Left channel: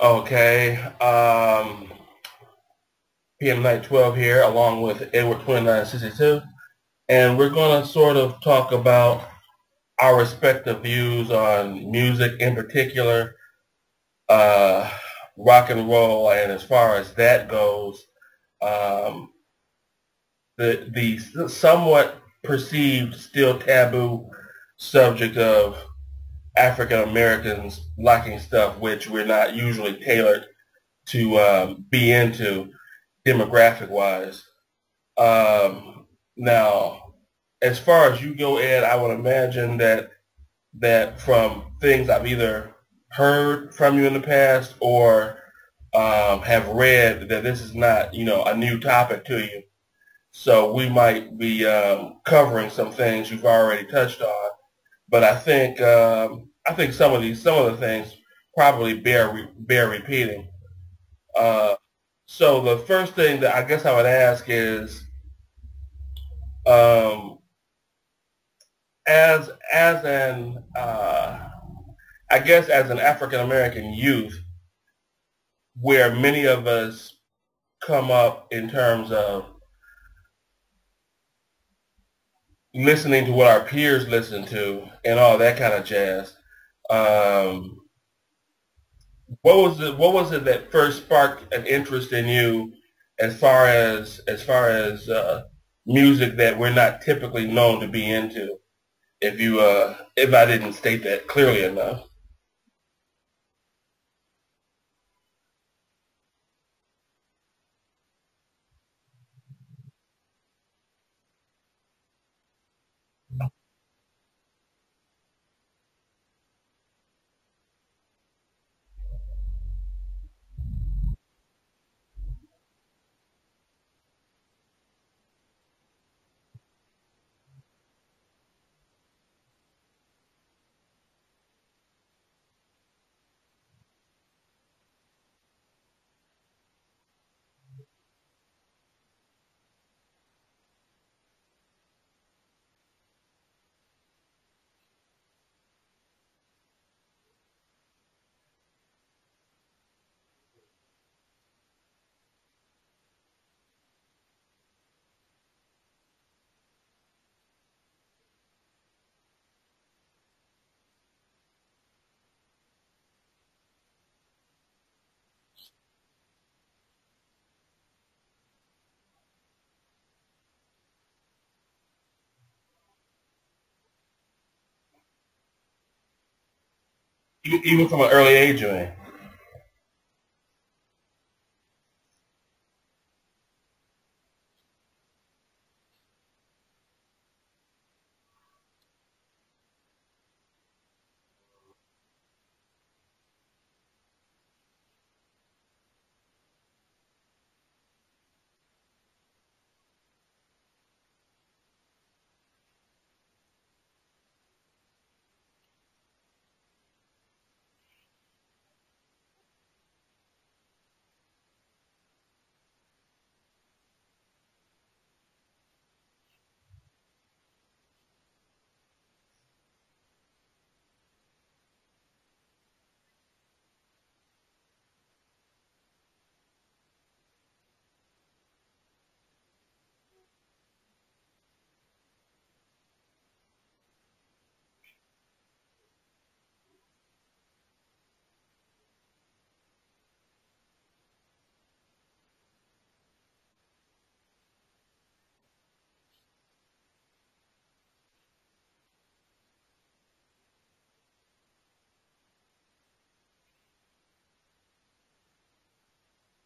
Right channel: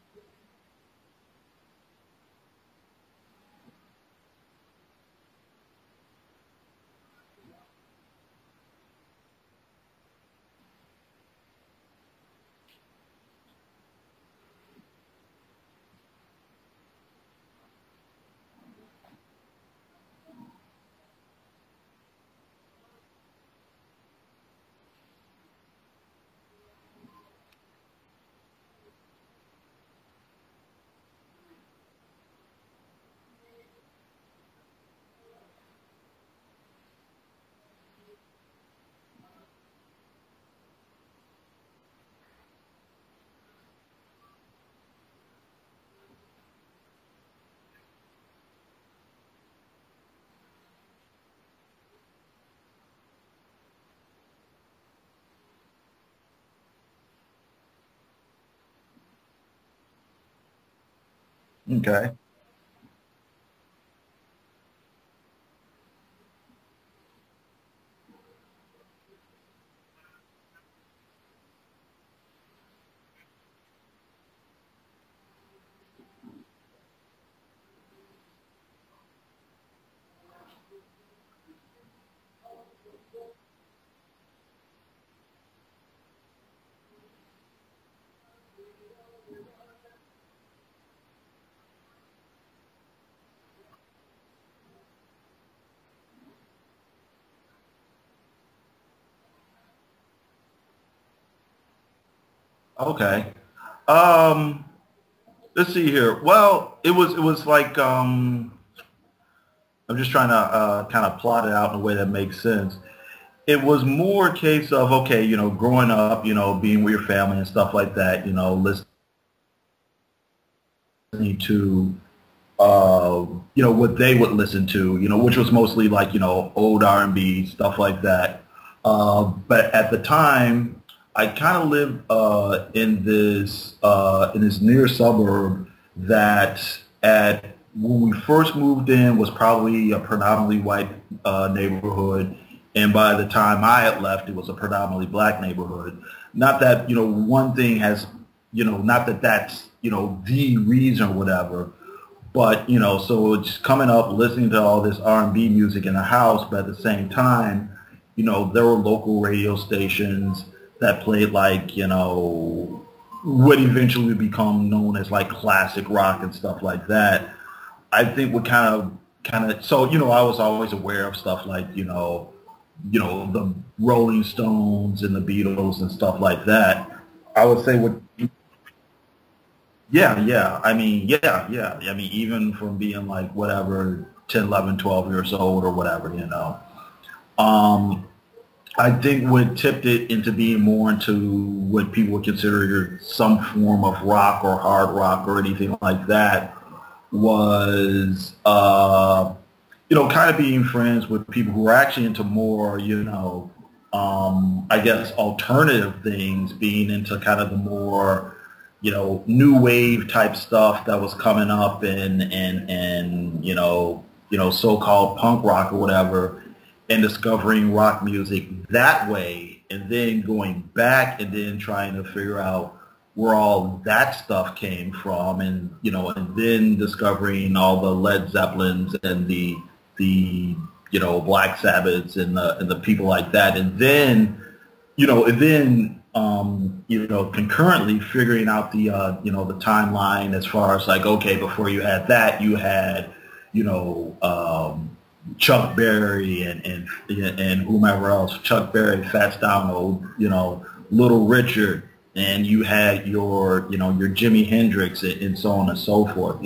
Okay. PM Night 12 here, along with Edward 2962. And we're going to sort of talk about our respective views on music, in particular, uh, rock and roll. And as far as that goes, um, the somewhat perceived, still taboo subject of African Americans liking stuff which we're not usually tailored to be into demographic wise. Now, as far as you go, Ed, I would imagine that from things I've either heard from you in the past or have read, that this is not, a new topic to you. So we might be covering some things you've already touched on, but I think some of the things probably bear repeating. Uh, Okay. so the first thing that I guess I would ask is, um, as an I guess as an African American youth, where many of us come up in terms of listening to what our peers listen to and all that kind of jazz. Um, what was it that first sparked an interest in you as far as music that we're not typically known to be into? If I didn't state that clearly enough. Okay. Um, let's see here. Well, it was like I'm just trying to kind of plot it out in a way that makes sense. It was more a case of okay, growing up, being with your family and stuff like that, listening to what they would listen to, which was mostly like, old R&B, stuff like that. But at the time, I kind of lived in this near suburb that at when we first moved in was probably a predominantly white neighborhood, and by the time I had left, it was a predominantly black neighborhood. Not that one thing has not that that's the reason or whatever, but so it's coming up, listening to all this R&B music in the house, but at the same time, there were local radio stations that played like what eventually become known as like classic rock and stuff like that. I think what kind of so I was always aware of stuff like the Rolling Stones and the Beatles and stuff like that. I would think Even from an early age, man. yeah, yeah. I mean, yeah, yeah. I mean, even from being like whatever, 10, 11, 12 years old or whatever. Um, I think what tipped it into being more into what people would consider some form of rock or hard rock or anything like that was, kind of being friends with people who were actually into more, I guess alternative things, being into kind of the more new wave type stuff that was coming up and so-called punk rock or whatever, and discovering rock music that way, and then going back and then trying to figure out where all that stuff came from, and and then discovering all the Led Zeppelins and the Black Sabbaths and the people like that, and then concurrently figuring out the timeline as far as like, okay, before you had that, you had, you know, um, Chuck Berry and whomever else, Chuck Berry, Fats Domino, Little Richard, and you had your Jimi Hendrix and so on and so forth.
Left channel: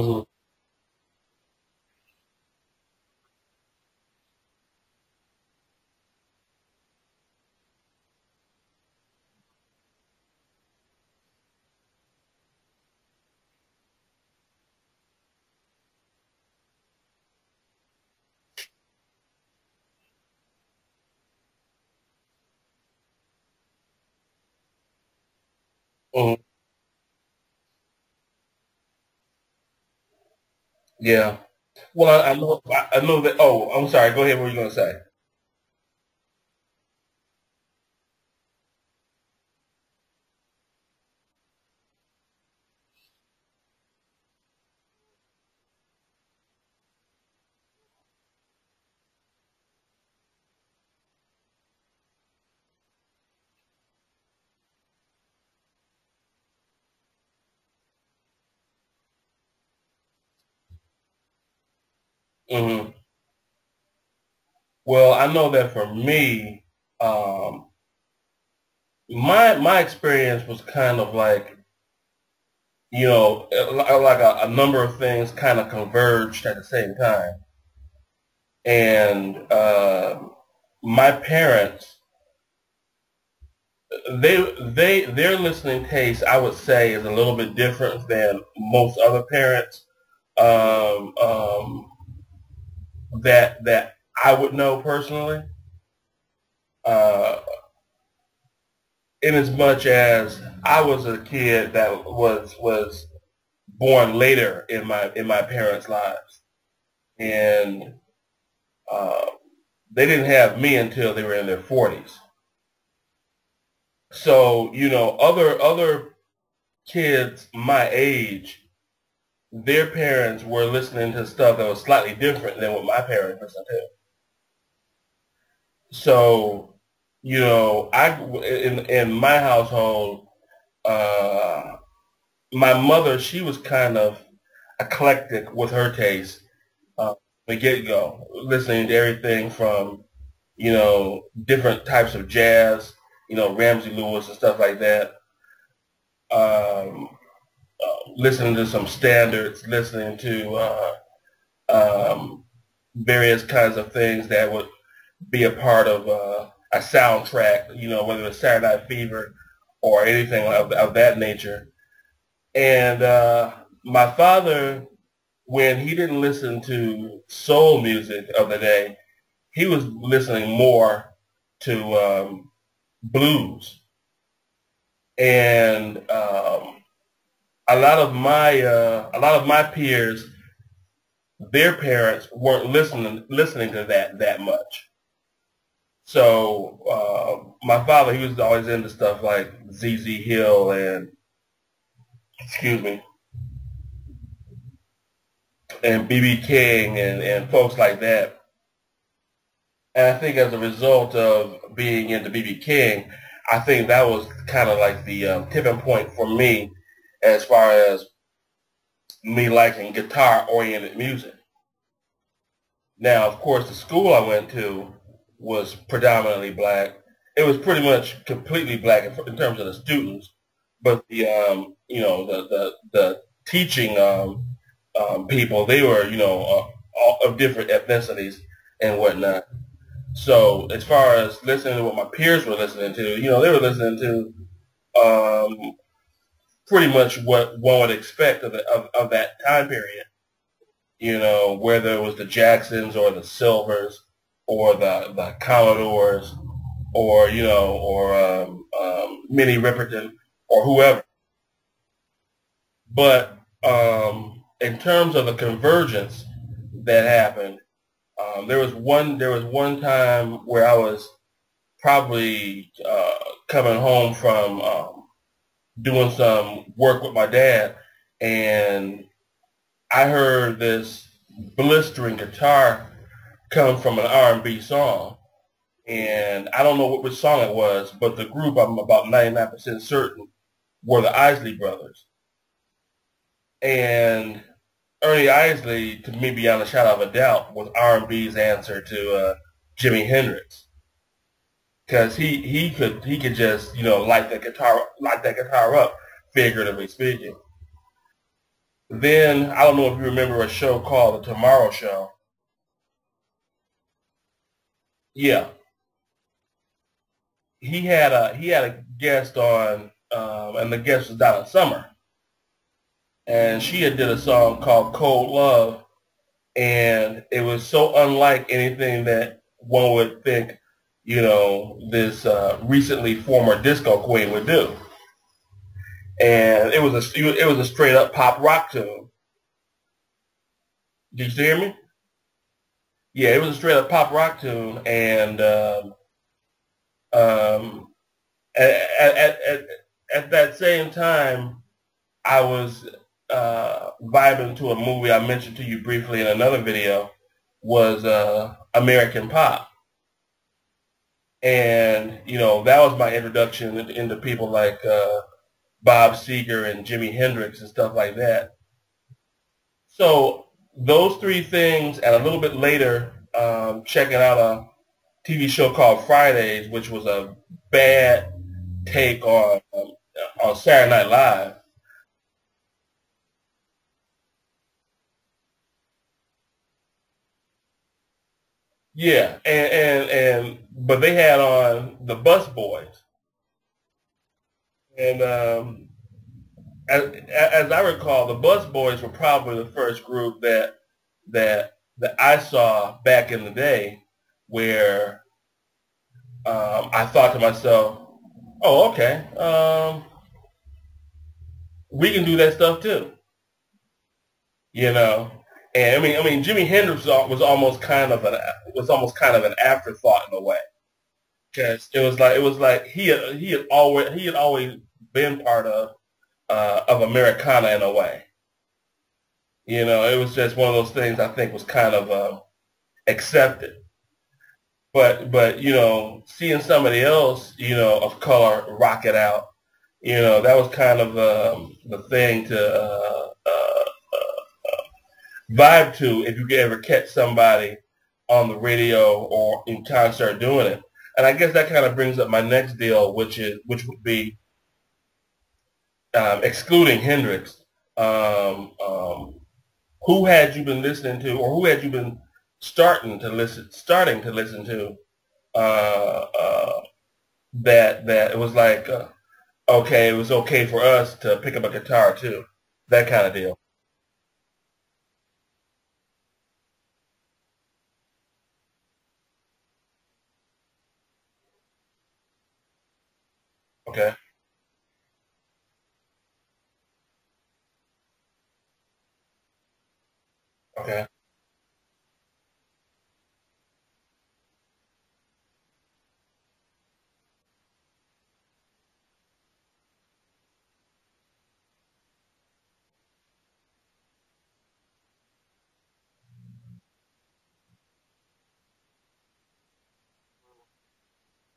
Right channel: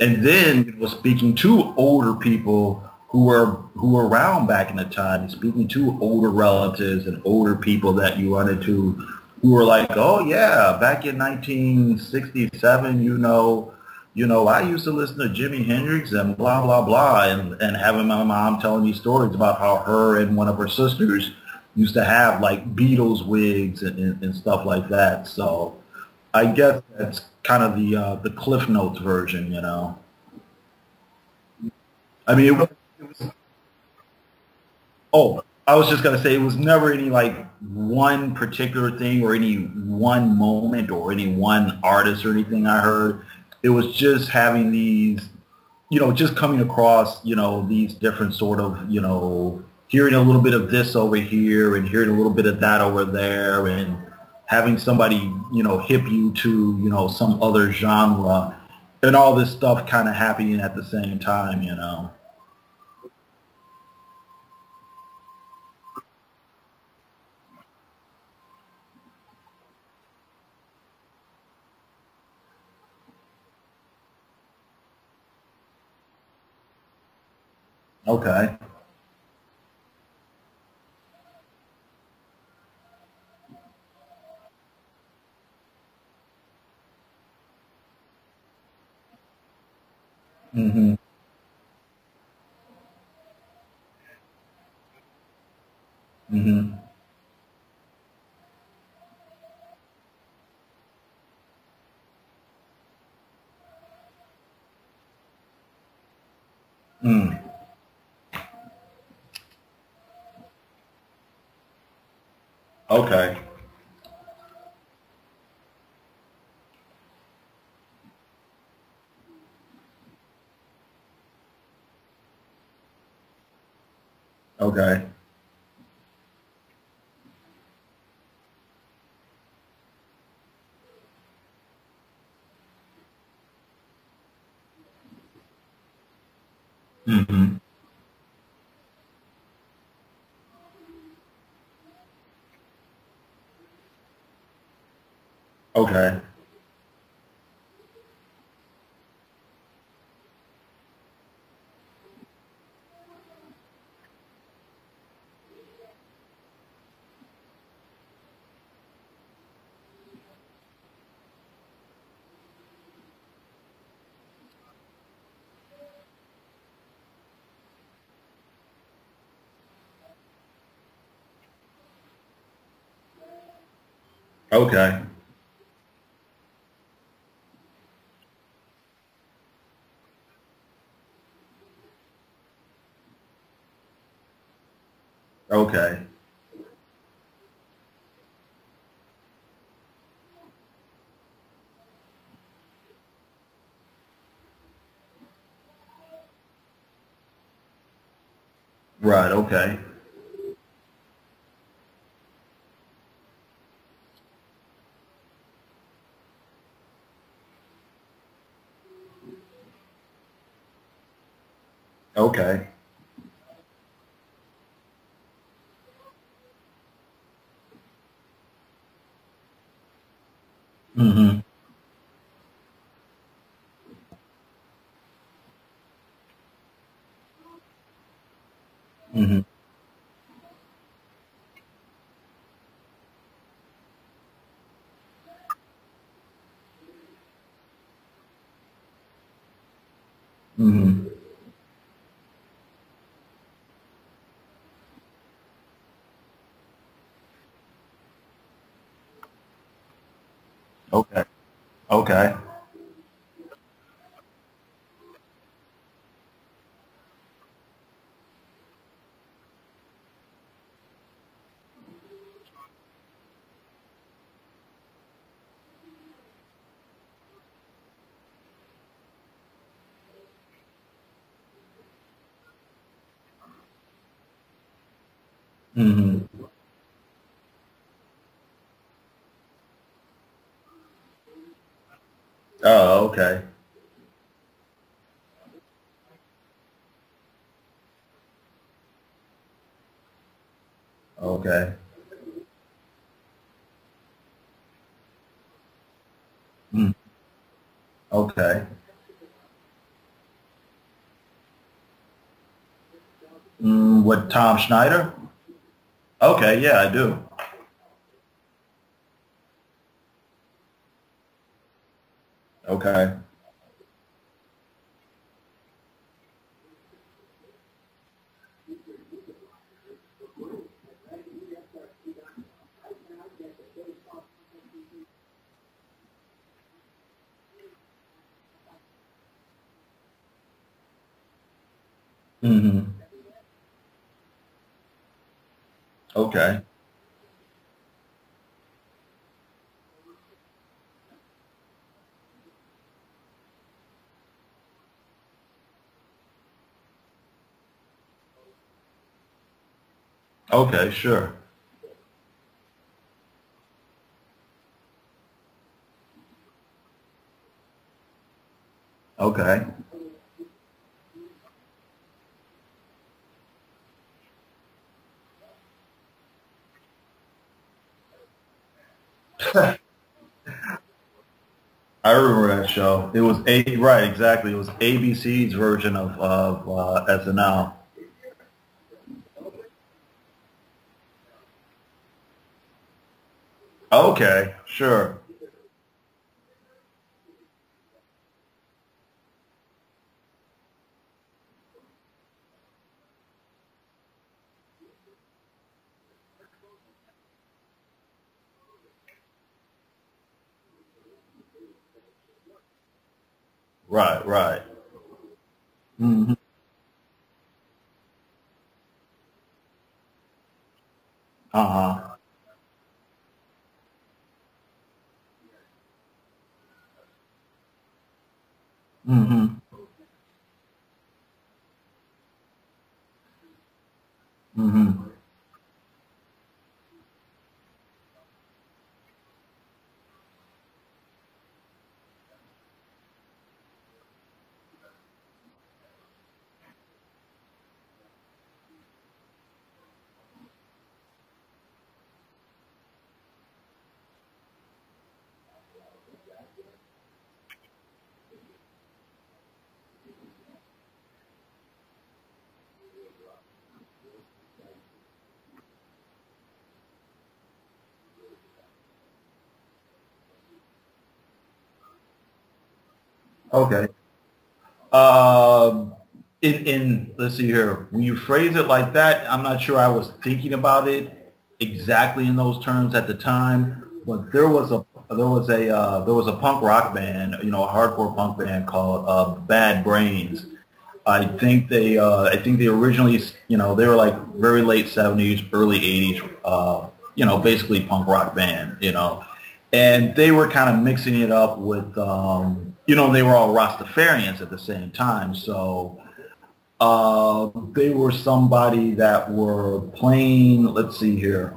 And Hmm. then speaking to older people who were around back in the time, speaking to older relatives and older people that you run into who were like, oh yeah, back in 1967, I used to listen to Jimi Hendrix and blah blah blah, and having my mom telling me stories about how her and one of her sisters used to have like Beatles wigs and stuff like that. So I Hmm. guess that's kind of the Cliff Notes version. Yeah. Well, I mean, I know that. Oh, I'm sorry. Go ahead. What were you going to say? oh, I was just gonna say it was never any like one particular thing or any one moment or any one artist or anything I heard. It was just having these, just coming across, these different sort of, hearing a little bit of this over here and hearing a little bit of that over there and having somebody, hip you to, some other genre and all this stuff kind of happening at the same time. Hmm. Well, I know that for me, um, my experience was kind of like, like a number of things kind of converged at the same time. Okay. And my parents, their listening taste, I would say, is a little bit different than most other parents Hmm. um, um, that I would know personally. Hmm. Uh, in as much as I was a kid that was born later in my parents' lives, Mm. and uh, they didn't have me until they were in their 40s. Okay. So other kids my age, their parents were listening to stuff that was slightly different than what my parents listened to. Okay. So I in my household, uh, my mother, she was kind of eclectic with her taste from the Hmm. get-go, listening to everything from different types of jazz, Ramsey Lewis and stuff like that. Okay. Um, Listening to some standards, listening to um, various kinds of things that would be a part of a soundtrack, whether it's Saturday Night Fever or anything of that nature. And my father, when he didn't listen to soul music of the day, he was listening more to blues. Okay. And a lot of my peers, their parents weren't listening to that much. Okay. So my father, he was always into stuff like ZZ Hill and excuse me, and BB King and folks like that. Right. Okay. And I think as a result of being into BB King, I think that was kind of like the tipping point for me as far as me liking guitar-oriented music. Okay. Now, of course, the school I went to was predominantly black. It was pretty much completely black in terms of the students, but the Hmm. the teaching people, they were all of different ethnicities and Hmm. whatnot. So as far as listening to what my peers were listening to, they were listening to pretty much what one would expect of that time period. Hmm. Whether it was the Jacksons or the Silvers or the Commodores or Minnie Riperton or whoever. Okay. Okay. But in terms of the convergence that happened, there was one time where I was probably coming home from doing some work with my dad, and I heard this blistering guitar come from an R&B song, Hmm. and I don't know which song it was, but the group, I'm about 99% certain, were the Isley Brothers. Oh, okay. And Ernie Isley, to me, beyond a shadow of a doubt, was R&B's answer to Jimi Hendrix, Okay. because he could just light that guitar up, figuratively Mm. speaking. Okay. Then I don't know if you remember a show called The Tomorrow Show. What, Tom Schneider? Yeah, Okay. Yeah, I do. he had a guest on, and the guest was Donna Summer, Okay. and she had did a song called Cold Love, and it was so unlike anything that one would think, this recently former disco queen would do. And it was a straight up pop rock tune. Did you hear me? Hmm. Yeah, it was a straight up pop rock tune, and Okay. um, at, at, at, at that same time, I was vibing to a movie I mentioned to you briefly in another video, was American Pop. Okay, sure. And, you know, that was my introduction into people like Bob Seger and Jimi Hendrix and stuff like that. Okay. So those three things, and a little bit later, checking out a TV show called Fridays, which was a bad take on Saturday Night Live. I remember that show. It was right, exactly. It was ABC's version of SNL. Yeah, and but they had on the Bus Boys, Okay, sure. and as I recall, the Bus Boys were probably the first group that I saw back in the day, where I thought to myself, "Oh, okay, we can do that stuff too," Right, right. you know. And I Hmm. mean, Jimi Hendrix was almost kind of an afterthought in a way. Because Uh-huh. it was like he had always been part of Americana in a way. Hmm. You know, it was just one of those things I think was kind of accepted. Hmm. But you know, seeing somebody else, you know, of color rock it out, you know, that was kind of the thing to vibe to if you could ever catch somebody on the radio or in concert doing it. And I guess that kind of brings up my next deal, which would be excluding Hendrix. Um, um, who had you been listening to, or who had you been starting to listen to, that it was like, okay, it was okay for us to pick up a guitar too, that kind of deal. Okay. Um, in let's see here. When you phrase it like that, I'm not sure I was thinking about it exactly in those terms at the time. Okay, But there was a punk rock band, you know, a hardcore punk band called Bad Brains. okay, I think they originally, you know, they were like very late '70s, early '80s, you know, basically punk rock band, you know, and they were kind of mixing it up with, you know, they were all Rastafarians at the same time, so they were somebody that were playing. Let's see here.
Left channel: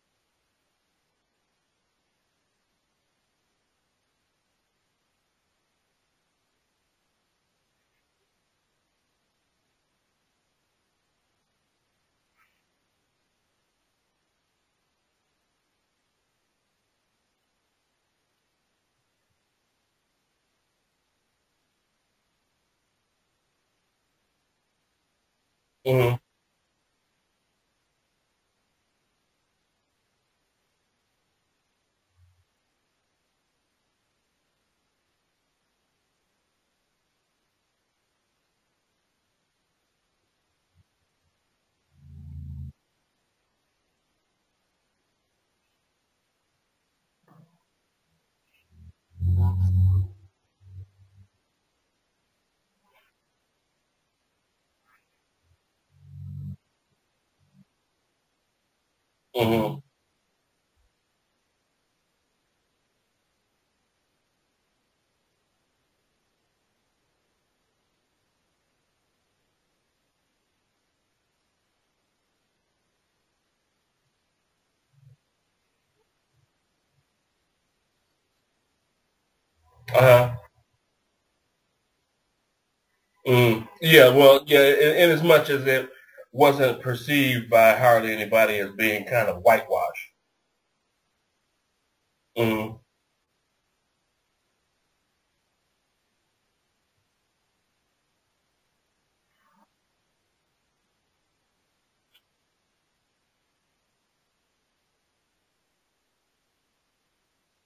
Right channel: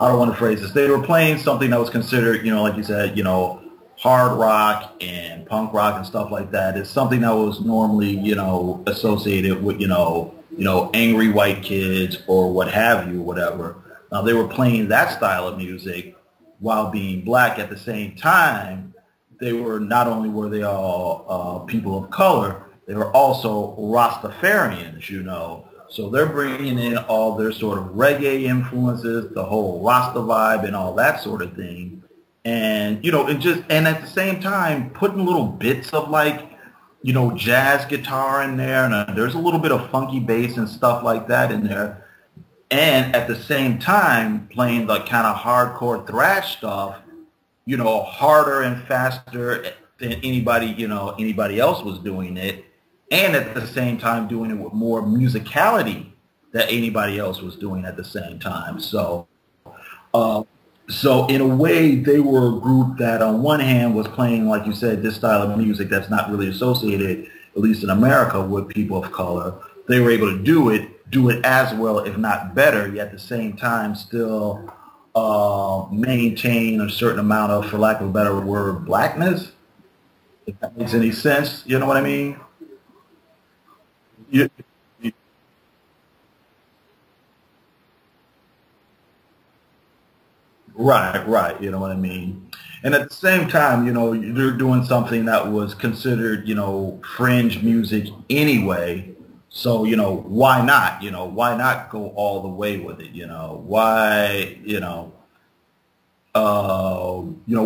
I don't want to phrase this. They were playing something that was considered, you know, like you said, you know, hard rock and punk rock and stuff like that. It's something that was normally, you know, associated with, angry white kids or what have you, whatever. Now they were playing that style of music while being black at the same time. They were not only were they all people of color, they were also Rastafarians, you know. So mm-hmm. they're bringing in all their sort of reggae influences, the whole Rasta vibe and all that sort of thing. And, you know, and at the same time, putting little bits of like, you know, jazz guitar in there. And there's a little bit of funky bass and stuff like that in there. And at the same time, playing the kind of hardcore thrash stuff, you know, harder and faster than anybody else was doing it, and at the same time doing it with more musicality that anybody else was doing at the same time. So, Mm-hmm. uh, so in a way, they were a group that on one hand was playing, like you said, this style of music that's not really associated, at least in America, with people of color. They were able to do it as well, if not better, yet at the same time still maintain a certain amount of, for lack of a better word, blackness. Uh-huh. If that makes any sense, you know what I mean? Mm. Yeah, well, Yeah, yeah, in as much as it wasn't perceived by hardly anybody as being kind of whitewashed. right. You know what I mean? Mm. And at the same time, you know, you're doing something that was considered, you know, fringe music anyway. So, you know, why not? You know, why not go all the way with it? You know, why,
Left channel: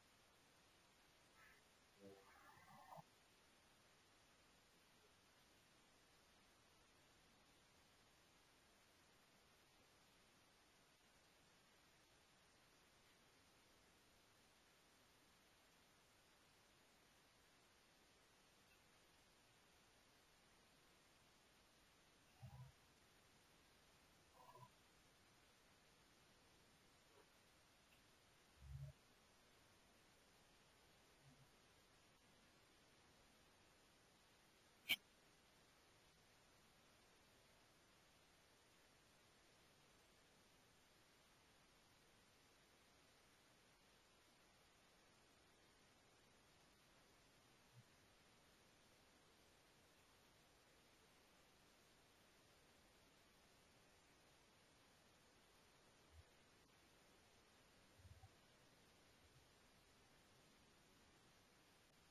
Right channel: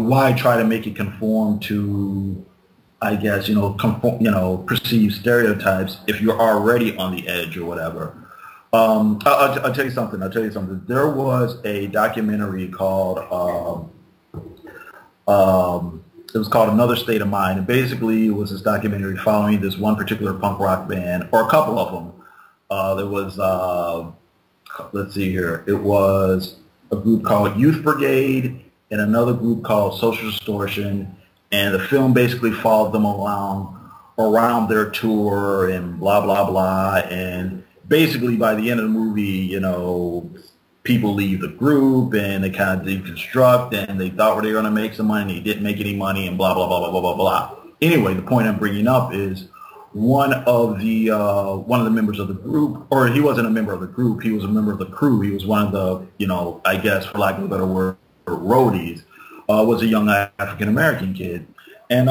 why try to make it conform to, I guess, perceived stereotypes if you're already on the edge or whatever. I'll tell you something. There was a documentary called, it was called Another State of Mind. And basically it was this documentary following this one particular punk rock band, or a couple of them. There was let's see here. It was a group called Youth Brigade and another group called Social Distortion, and the film basically followed them around their tour and blah blah blah. And basically, by the end of the movie, you know, people leave the group and they kind of deconstruct, and they thought they were going to make some money, and they didn't make any money, and blah blah blah blah blah blah blah. Anyway, the point I'm bringing up is one of the members of the group, or he wasn't a member of the group, he was a member of the crew. He was one of the, you know, I guess for lack of a better word, roadies. Was a young African American kid. And,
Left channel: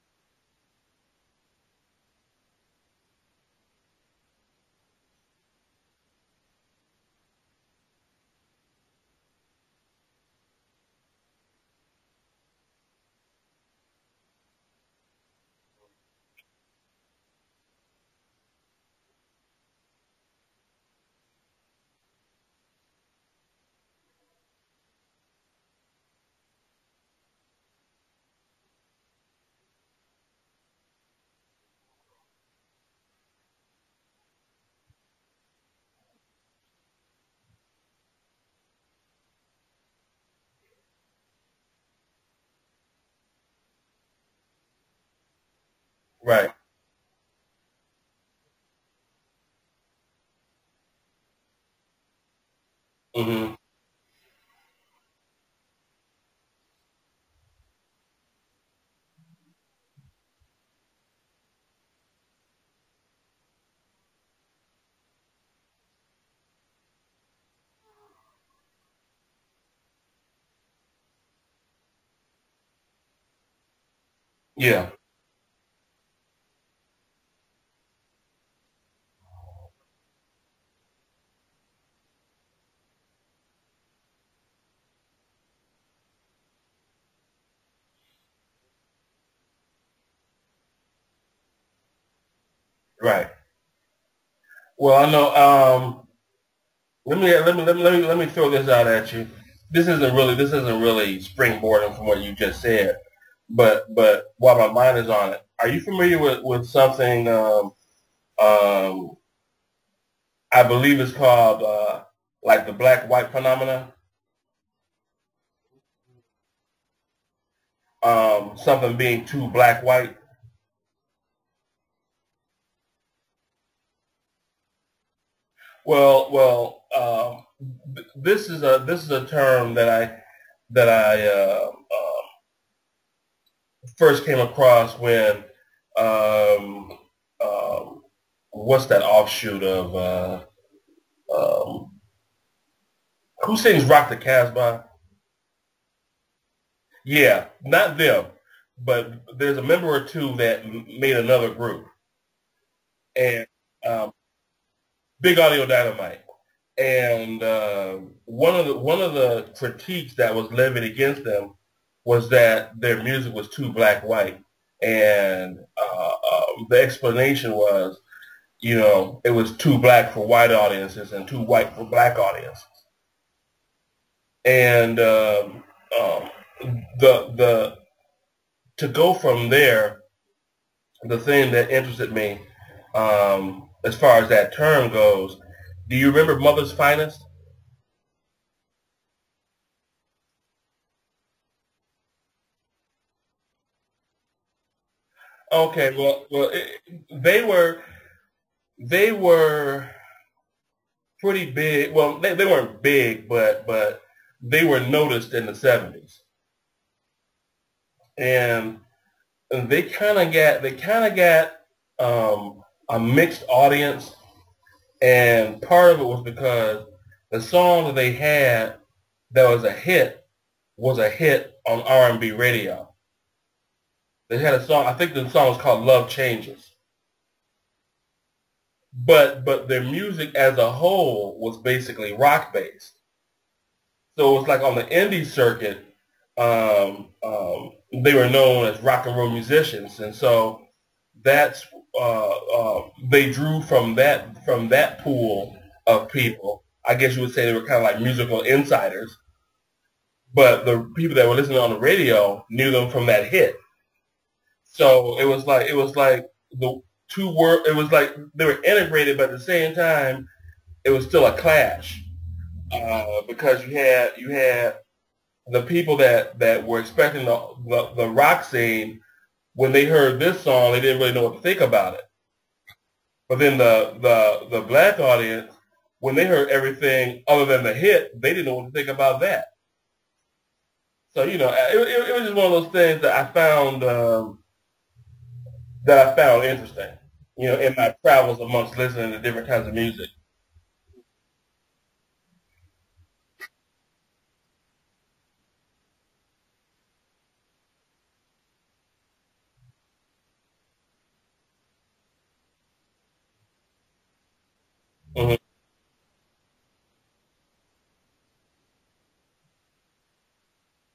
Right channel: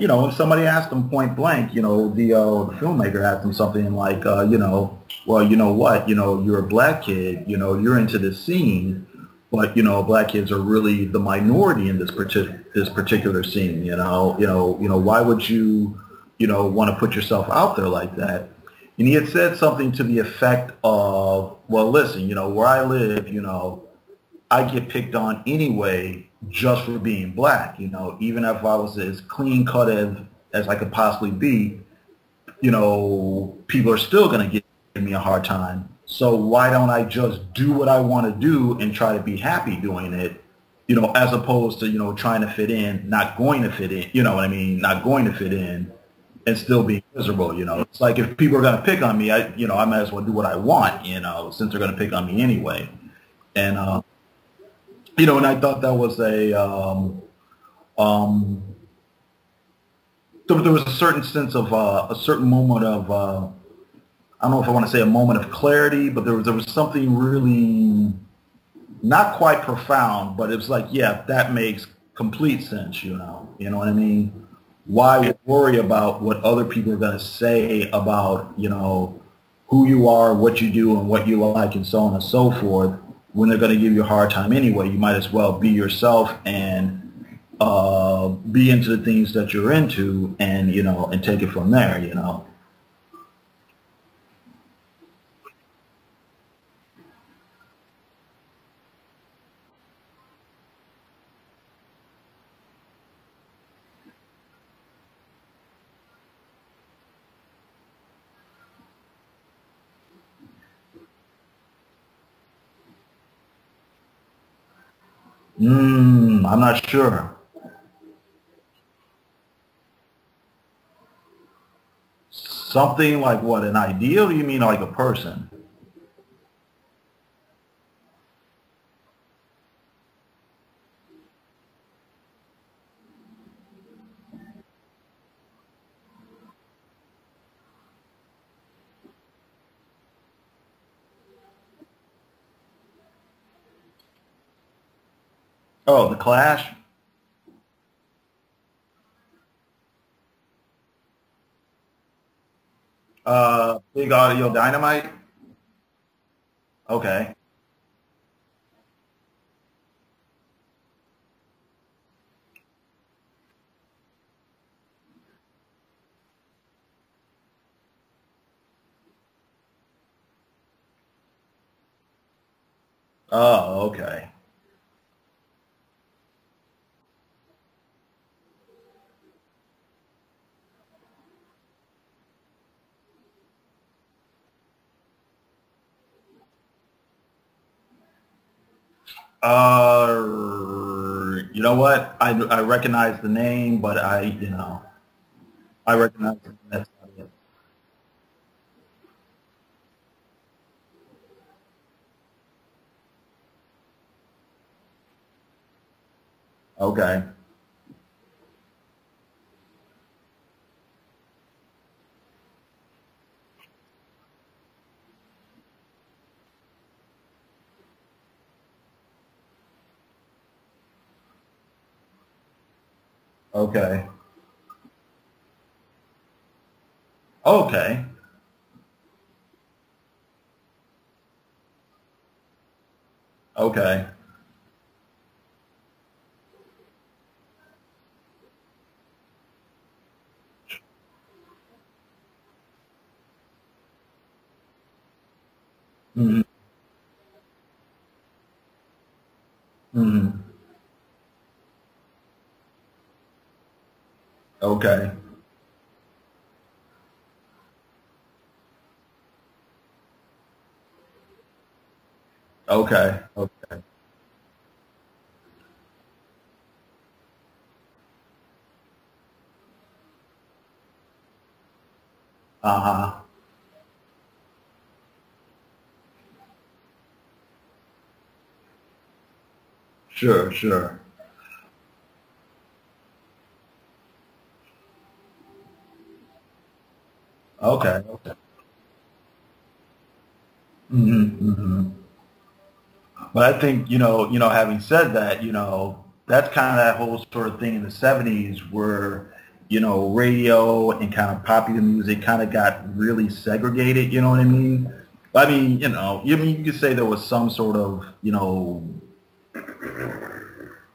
you know, somebody asked him point blank, you know, the filmmaker asked him something like, you know, well, you know what, you know, you're a black kid, you know, you're into this scene, but, you know, black kids are really the minority in this particular scene, you know, why would you, you know, want to put yourself out there like that? And he had said something to the effect of, well, listen, you know, where I live, you know, I get picked on anyway just for being black, you know, even if I was as clean cut as I could possibly be, you know, people are still going to give me a hard time. So why don't I just do what I want to do and try to be happy doing it, you know, as opposed to, you know, trying to fit in, not going to fit in, you know what I mean, not going to fit in, right, and still being miserable, you know. It's like if people are going to pick on me, I might as well do what I want, you know, since they're going to pick on me anyway. Mm-hmm. And, you know, and I thought that was there was a certain sense of a certain moment of I don't know if I want to say a moment of clarity, but there was something really not quite profound, but it was like, yeah, that makes complete sense, you know what I mean? Yeah. Why worry about what other people are going to say about, you know, who you are, what you do, and what you like, and so on and so forth, when they're going to give you a hard time anyway? You might as well be yourself and be into the things that you're into, and, you know, and take it from there, you know. Right. Well, I know. Let me throw this out at you. This isn't really springboarding from what you just said, but while my mind is on it, are you familiar with something? I believe it's called like the black-white phenomena. I'm not sure. Something being too black-white. Something like what? An idea? Or you mean like a person? Well. This is a term that I first came across when what's that offshoot of who sings "Rock the Casbah"? Oh, the Clash. Yeah, not them, but there's a member or two that made another group. And, Big Audio Dynamite. Big Audio Dynamite. And one of the critiques that was levied against them was that their music was too black-white, and the explanation was, you know, it was too black for white audiences and too white for black audiences. Oh, okay. And the to go from there, the thing that interested me, as far as that term goes. Do you remember Mother's Finest? You know what? I recognize the name, but Okay, they were pretty big. Well, they weren't big, but they were noticed in the 70s. Okay. And they kind of got a mixed audience. And part of it was because the song that they had that was a hit on R&B radio. Okay. They had a song, I think the song was called Love Changes. Okay. But their music as a whole was basically rock-based. Okay. So it was like on the indie circuit, they were known as rock and roll musicians. And so that's they drew from that pool of people. Mm-hmm. I guess you would say they were kind of like musical insiders. Mm-hmm. But the people that were listening on the radio knew them from that hit. Okay. So it was like two work. It was like they were integrated, but at the same time, it was still a clash. Okay. Because you had the people that were expecting the rock scene. When they heard this song, they didn't really know what to think about it. But then the black audience, when they heard everything other than the hit, they didn't know what to think about that. Sure, sure. So it was just one of those things that I found interesting. In my travels amongst listening to different kinds of music. Mm-hmm, mm-hmm. But I think having said that, that's kind of that whole sort of thing in the '70s where radio and kind of popular music kind of got really segregated. You know what I mean? Mm-hmm. I mean, you could say there was some sort of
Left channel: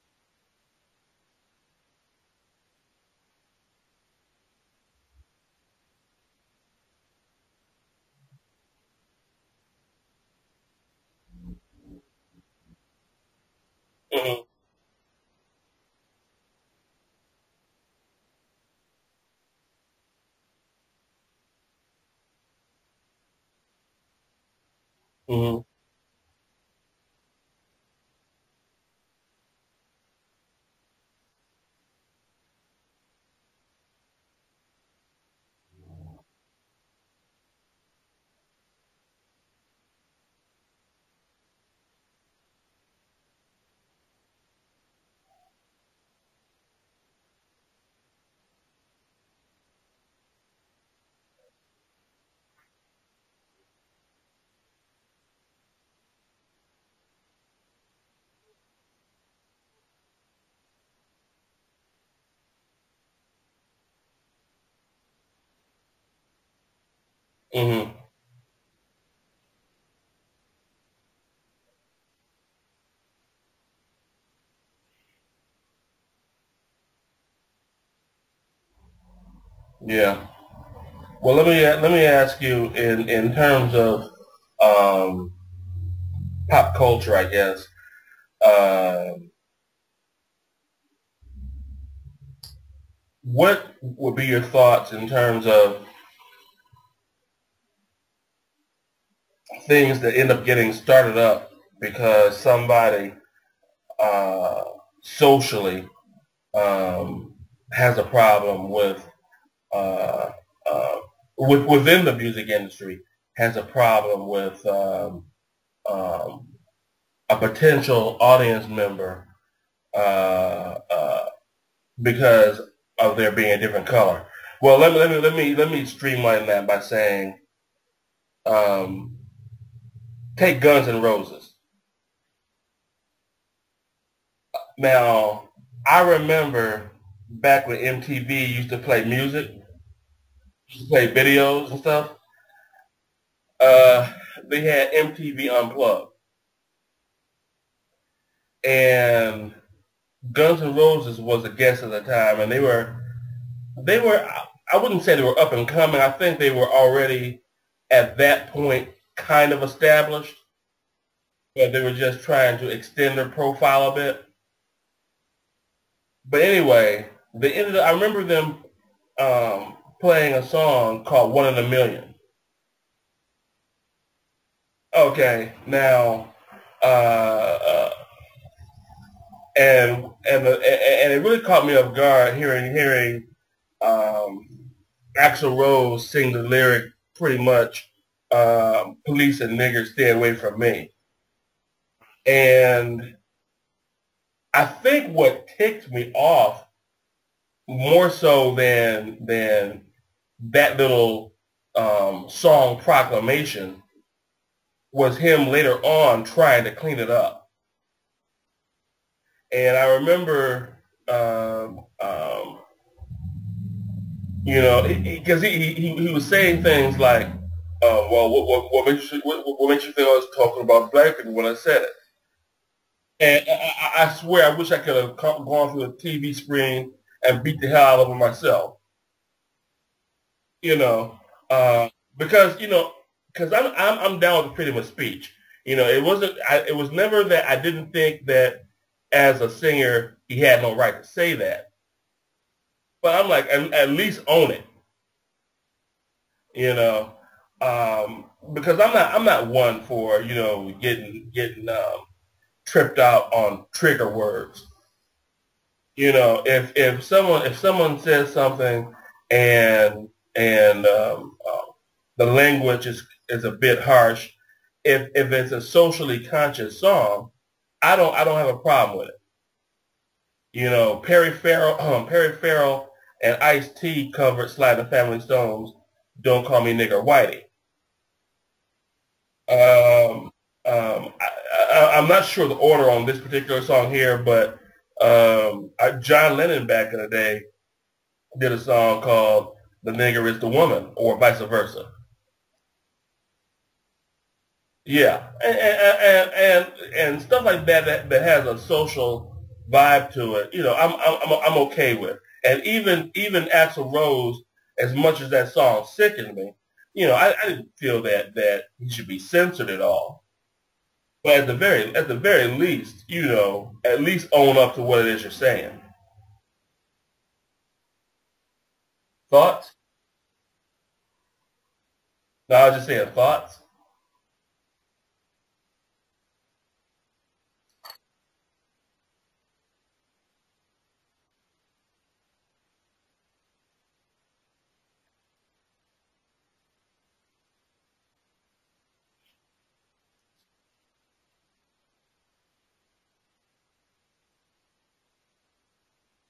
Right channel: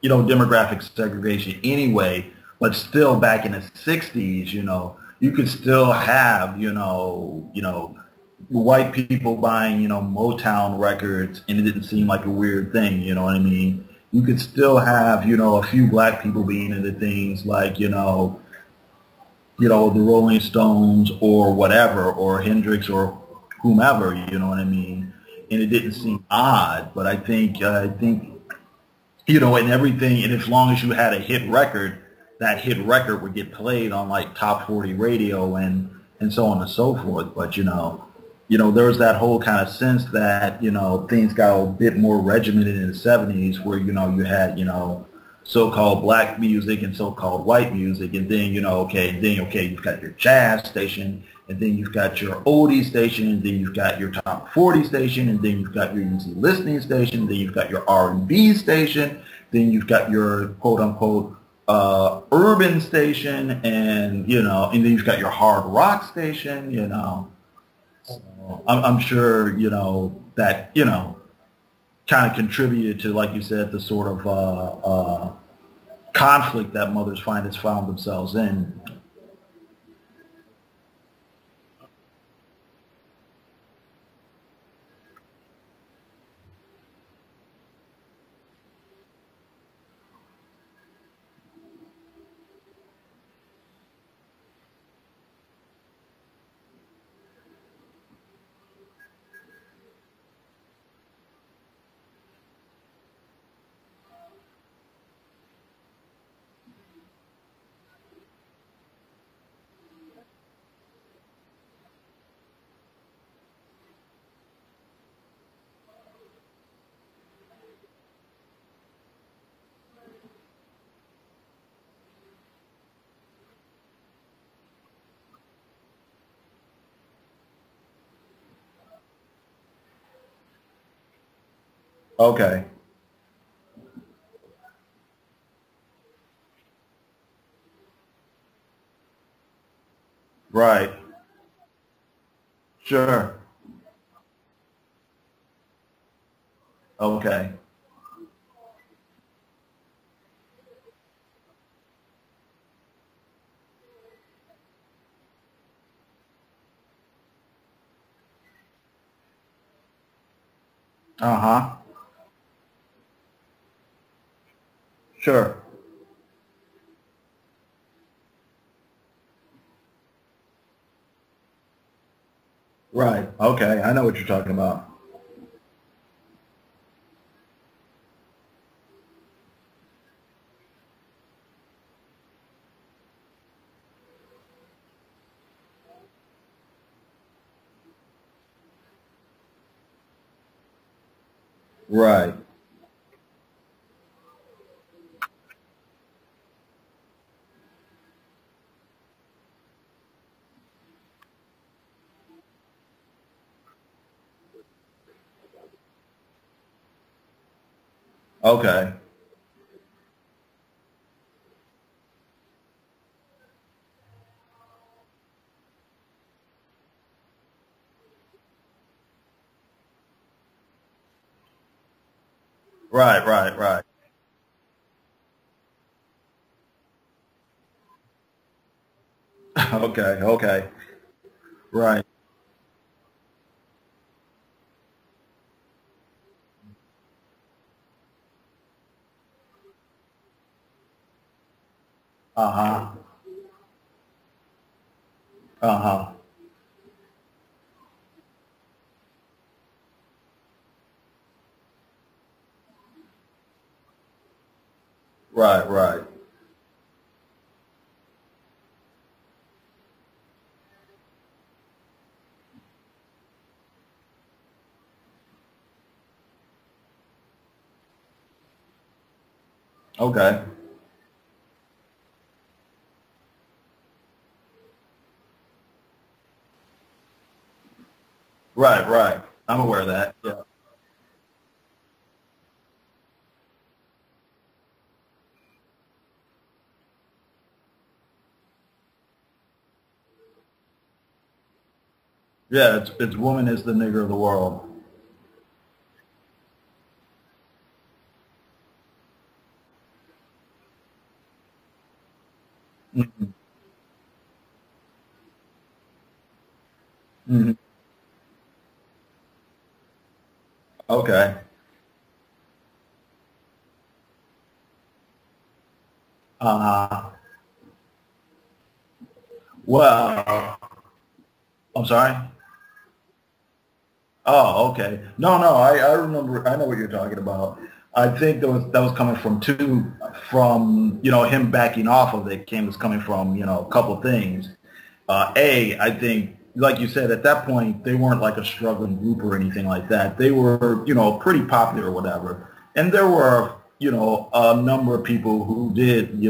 demographic segregation anyway, but still back in the '60s, you could still have white people buying Motown records, and it didn't seem like a weird thing. You know what I mean? You could still have a few black people being into things like the Rolling Stones or whatever, or Hendrix or whomever, you know what I mean? And it didn't seem odd, but I think and everything, and as long as you had a hit record, that hit record would get played on like top 40 radio and so on and so forth. But there was that whole kind of sense that things got a bit more regimented in the '70s, where you had so-called black music and so-called white music, and then you've got your jazz station, and then you've got your oldie station, and then you've got your top 40 station, and then you've got your easy listening station, then you've got your R&B station, then you've got your quote-unquote urban station, and then you've got your hard rock station. So I'm sure that kind of contributed to, like you said, the sort of conflict that mothers found themselves in. Yeah. Well, let me ask you in terms of pop culture, I guess. What would be your thoughts in terms of things that end up getting started up because somebody socially has a problem within the music industry, has a problem with a potential audience member because of there being a different color? Well, let me streamline that by saying, take Guns N' Roses. Okay. Now, I remember back when MTV used to play music, right? Play videos and stuff. Sure. They had MTV Unplugged. Okay. And Guns N' Roses was a guest at the time, and they were. I wouldn't say they were up and coming. I think they were already at that point kind of established. But they were just trying to extend their profile a bit. Sure. But anyway, I remember them playing a song called "One in a Million." Right. Okay. I know what you're talking about. Okay. Now, and it really caught me off guard hearing Axl Rose sing the lyric pretty much, "Police and niggers stay away from me." Right. And I think what ticked me off more so than that little song proclamation was him later on trying to clean it up. Okay. And I remember, because he was saying things like, well, what makes you think I was talking about black people when I said it? Right. I swear, I wish I could have gone through a TV screen and beat the hell out of him myself. Okay. Right. Because I'm down with freedom of speech. It was never that I didn't think that as a singer he had no right to say that. But I'm like, at least own it. You know, because I'm not one for getting tripped out on trigger words. Right, right. If someone says something and the language is a bit harsh, if it's a socially conscious song, I don't have a problem with it. Okay. Perry Farrell and Ice-T covered Sly and the Family Stones, "Don't Call Me Nigger Whitey." Right, right. I'm aware of that. Um, Yeah. I'm not sure the order on this particular song here, but John Lennon back in the day did a song called "The Nigger Is the Woman," or vice versa. Yeah, it's woman is the nigger of the world. Yeah, and stuff like that has a social vibe to it. I'm okay with. And even Axl Rose, as much as that song sickened me, I Mhm. didn't feel that he should be censored at all. But Okay. at the very least, at least own up to what it is you're saying. Uh, Thoughts? well, I'm sorry. No, I was just saying thoughts. Oh, okay. No, no, I remember. I know what you're talking about. I think that was coming from him backing off of it. Came was coming from a couple of things. I think, like you said, at that point they weren't like a struggling group or anything like that. They were pretty popular or whatever, and there were a number of people who did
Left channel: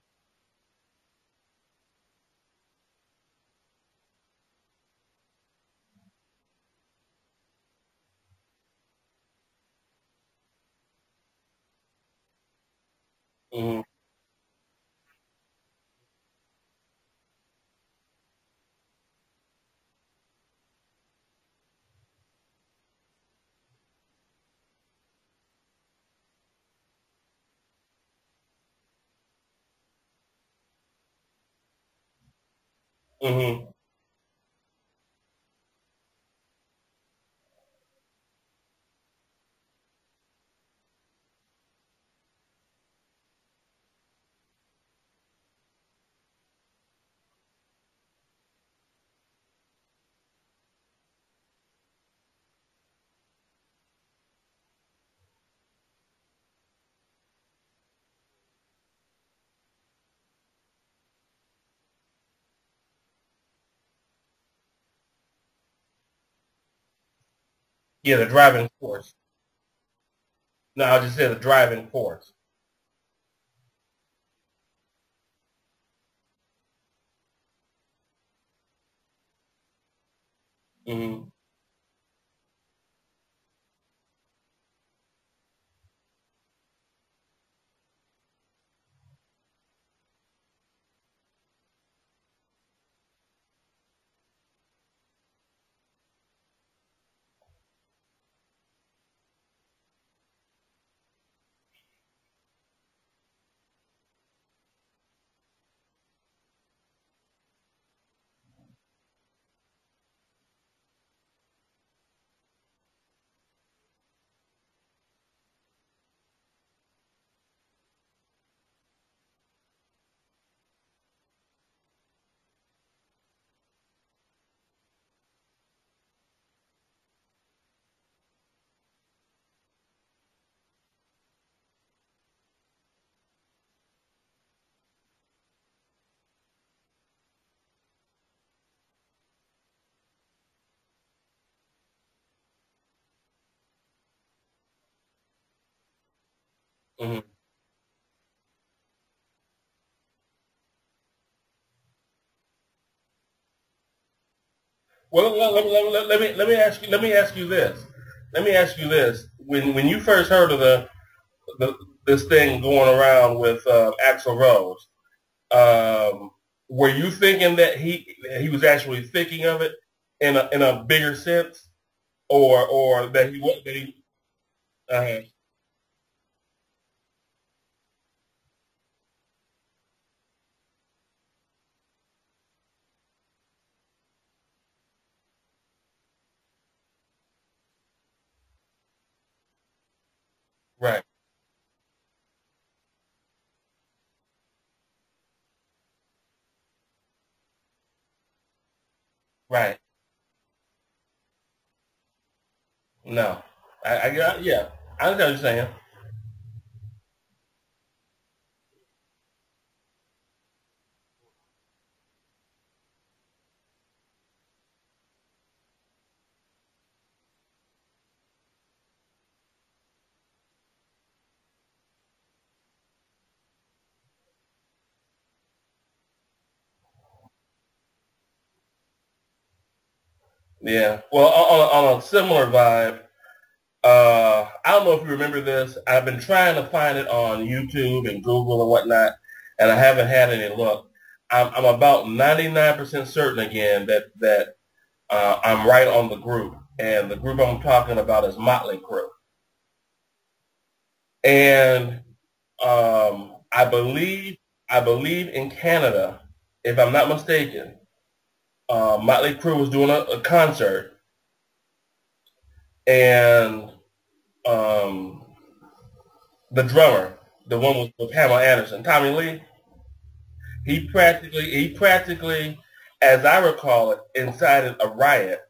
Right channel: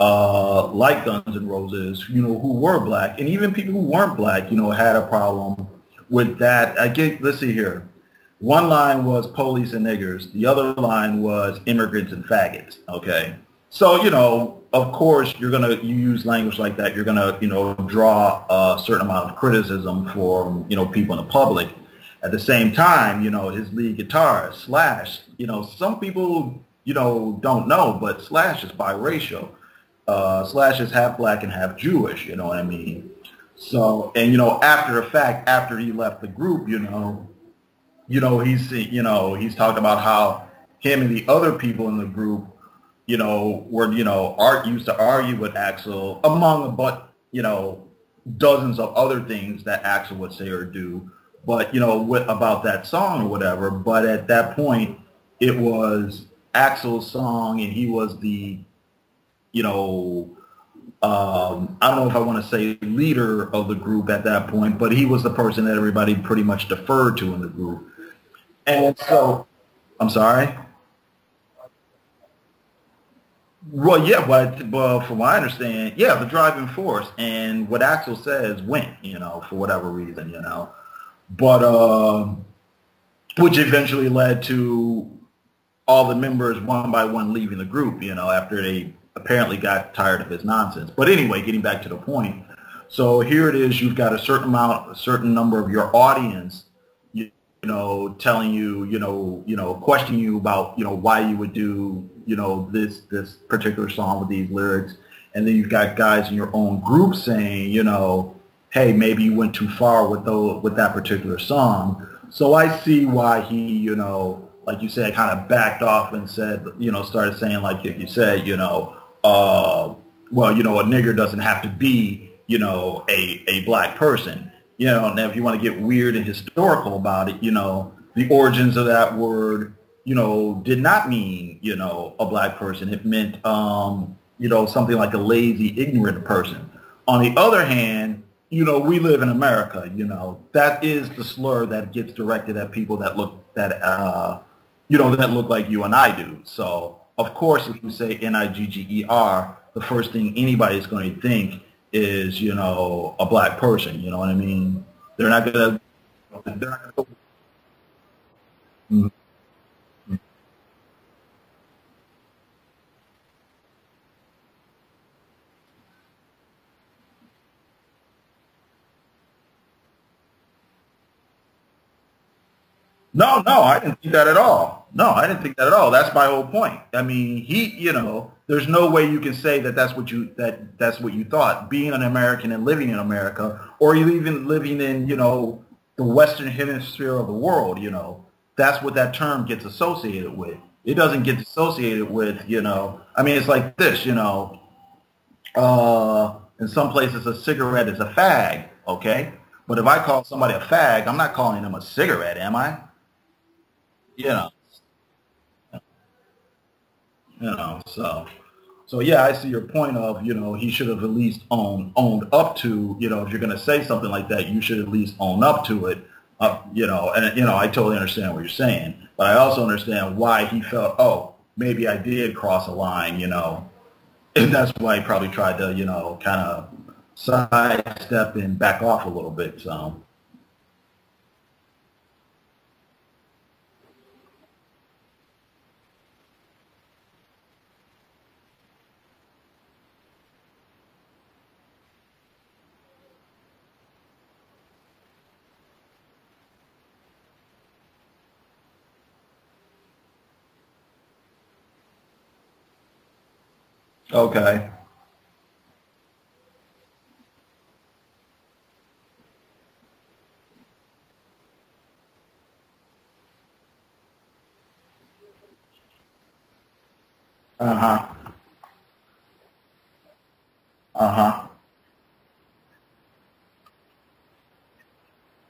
like Guns N' Roses, who were black, and even people who weren't black, had a problem with that. Let's see here. One line was police and niggers. The other line was immigrants and faggots. Okay. Hmm. So, of course, you use language like that. You're going to, draw a certain amount of criticism from, people in the public. At the same time, his lead guitarist, Slash, some people, don't know, but Slash is biracial. Slash is half black and half Jewish, you know what I mean? Hmm. So, and after the fact, after he left the group, he's talked about how him and the other people in the group, were used to argue with Axl among but dozens of other things that Axl would say or do, but about that song or whatever. But at that point, it was Axl's song, and he was the I don't know if I want to say leader of the group at that point, but he was the person that everybody pretty much deferred to in the group. Yeah, the driving And force. so, I'm sorry? No, I just said the driving force. Well, yeah, but from what I understand, yeah, the driving force. And what Axl says went, for whatever reason, Hmm. But, which eventually led to all the members one by one leaving the group, after they apparently got tired of his nonsense. But anyway, getting back to the point. So here it is, you've got a certain number of your audience, telling you, questioning you about, why you would do, this particular song with these lyrics. And then you've got guys in your own group saying, hey, maybe you went too far with that particular song. So I see why he, like you said, kind of backed off and said, started saying, like you said, well, a nigger doesn't have to be, a black person. Now if you want to get weird and historical about it, the origins of that word, did not mean, a black person. It meant, something like a lazy, ignorant person. On the other hand, we live in America, that is the slur that gets directed at people that look like you and I do. So, Hmm. of course, if you say Nigger, the first thing anybody's going to think is, a black person. You know what I mean? Well, They're not let, gonna, let, let, let me ask you this. Let me ask you this. When you first heard of this thing going around with Axl Rose, were you thinking that he was actually thinking of it in a bigger sense, or that No, he no, I was? didn't think that at all. No, Uh-huh. I didn't think that at all. That's my whole point. I mean, there's no way you can say that's what you thought. Being an American and living in America, or you even living in, the Western hemisphere of the world, that's what that term gets associated with. It Right. doesn't get associated with, I mean, it's like this, uh, In some places, a cigarette is a fag, okay? Right. But if I call somebody a fag, I'm not calling them a cigarette, am I? No. I You know, yeah. I understand what you're saying. So yeah, I see your point of, he should have at least owned up to, if you're going to say something like that, you should at least own up to it, and I totally understand what you're saying, but I also understand why he felt, oh, maybe I did cross a line, and that's why he probably tried to, kind of sidestep and back off a little bit, so. Yeah. Well, on a similar vibe, I don't know if you remember this. I've been trying to find it on YouTube and Google and whatnot, and I haven't had any luck. I'm about 99% certain again that I'm right on the group, and the group I'm talking about is Motley Crue. And I believe in Canada, if I'm not mistaken, Motley Crue was doing a concert, and the drummer, the one with Pamela Anderson, Tommy Lee, he practically, as I recall it, incited a riot,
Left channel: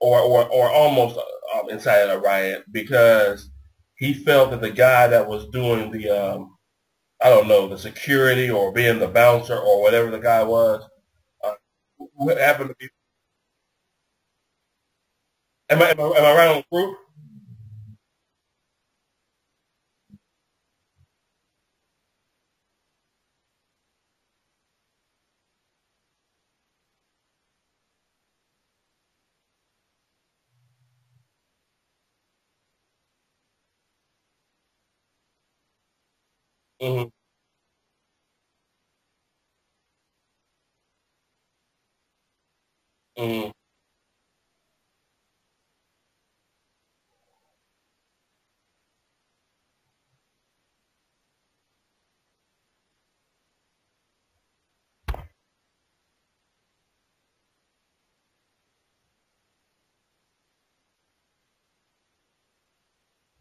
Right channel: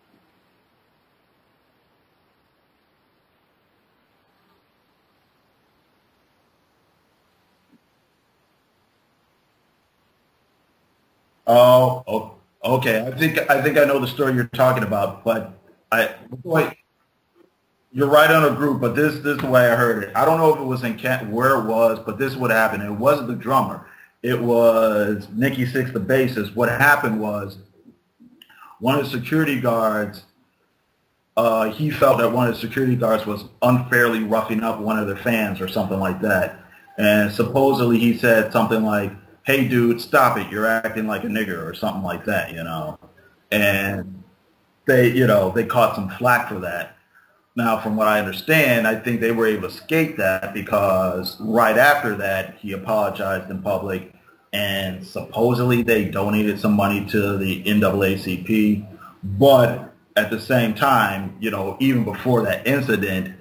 or almost incited a riot, because he felt that the guy that was doing the I don't know, the security or being the bouncer or whatever the guy was. Oh, okay. I think I know the story you're talking about, but am I right on the group? You're right on a group, but this is the way I heard it. I don't know if it was where it was, but this is what happened. It wasn't the drummer. It was Nikki Sixx, the bassist. What happened was one of the security guards, he felt that one of the security guards was unfairly roughing up one of the fans or something like that. Mm-hmm. And supposedly he said something like, "Hey, dude, stop it. You're acting like a nigger," or something like that, Mm-hmm. And they caught some flack for that. Now, from what I understand, I think they were able to escape that because right after that, he apologized in public, and supposedly they donated some money to the NAACP. But at the same time, even before that incident,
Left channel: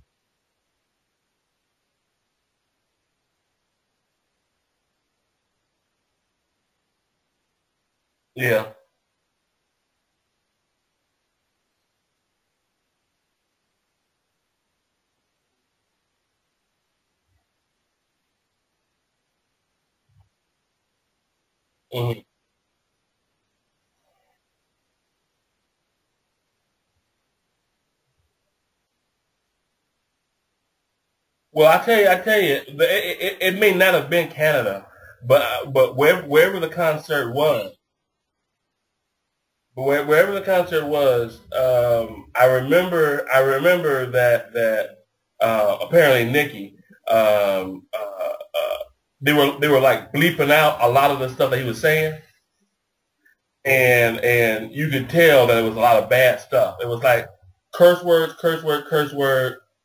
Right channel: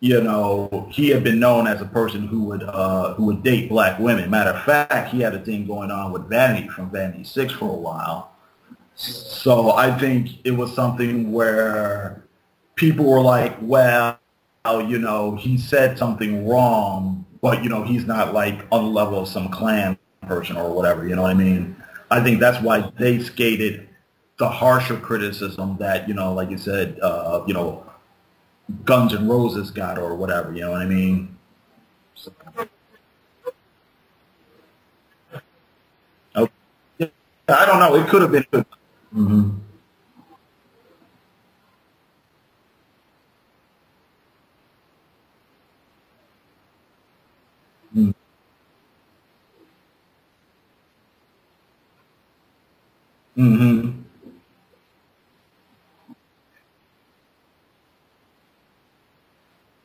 he had been known as a person who would date black women. Matter of fact, he had a thing going on with Vanity from Vanity 6 for a while. Yeah. So I think it was something where people were like, well, he said something wrong, but, he's not like on the level of some Klan person or whatever, you know what I mean? Mm-hmm. I think that's why they skated the harsher criticism that, like you said, Guns N' Roses got or whatever, you know what I mean? Well, I tell you, it may not have been Canada, but wherever the concert was, I don't know. It could have been. Mm-hmm. Wherever the concert was, I remember that apparently Nikki, they were like bleeping out a lot of the stuff that he was saying, mm-hmm. and you could tell that it was a lot of bad stuff. It was like curse word,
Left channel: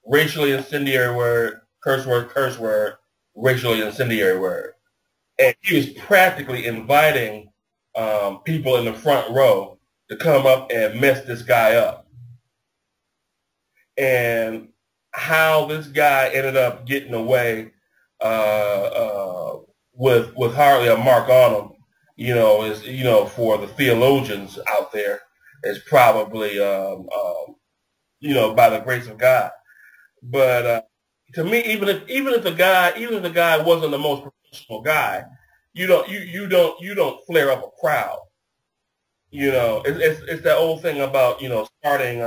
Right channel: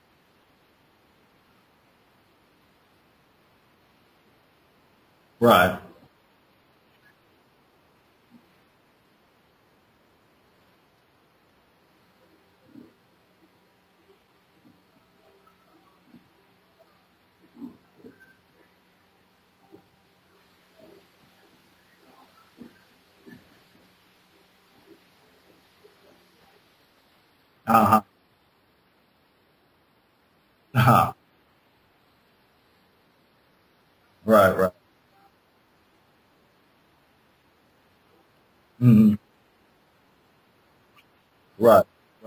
racially incendiary word, curse word, racially incendiary word. And right. He was practically inviting people in the front row to come up and mess this guy up. And how this guy ended up getting away with hardly a mark on him, is for the theologians out there, is probably by the grace of God. But to me, even if the guy wasn't the most professional guy, you don't flare up a crowd. Mm-hmm. It's that old thing about starting.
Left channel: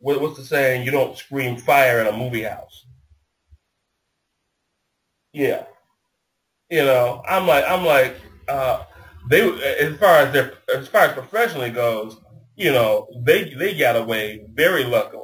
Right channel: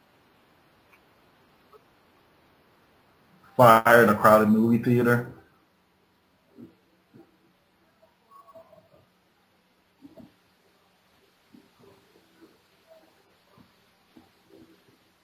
What's the saying? You don't scream fire in a movie house. Fire in a crowded movie theater. Yeah. I'm like they as far as professionally goes, they got away very luckily.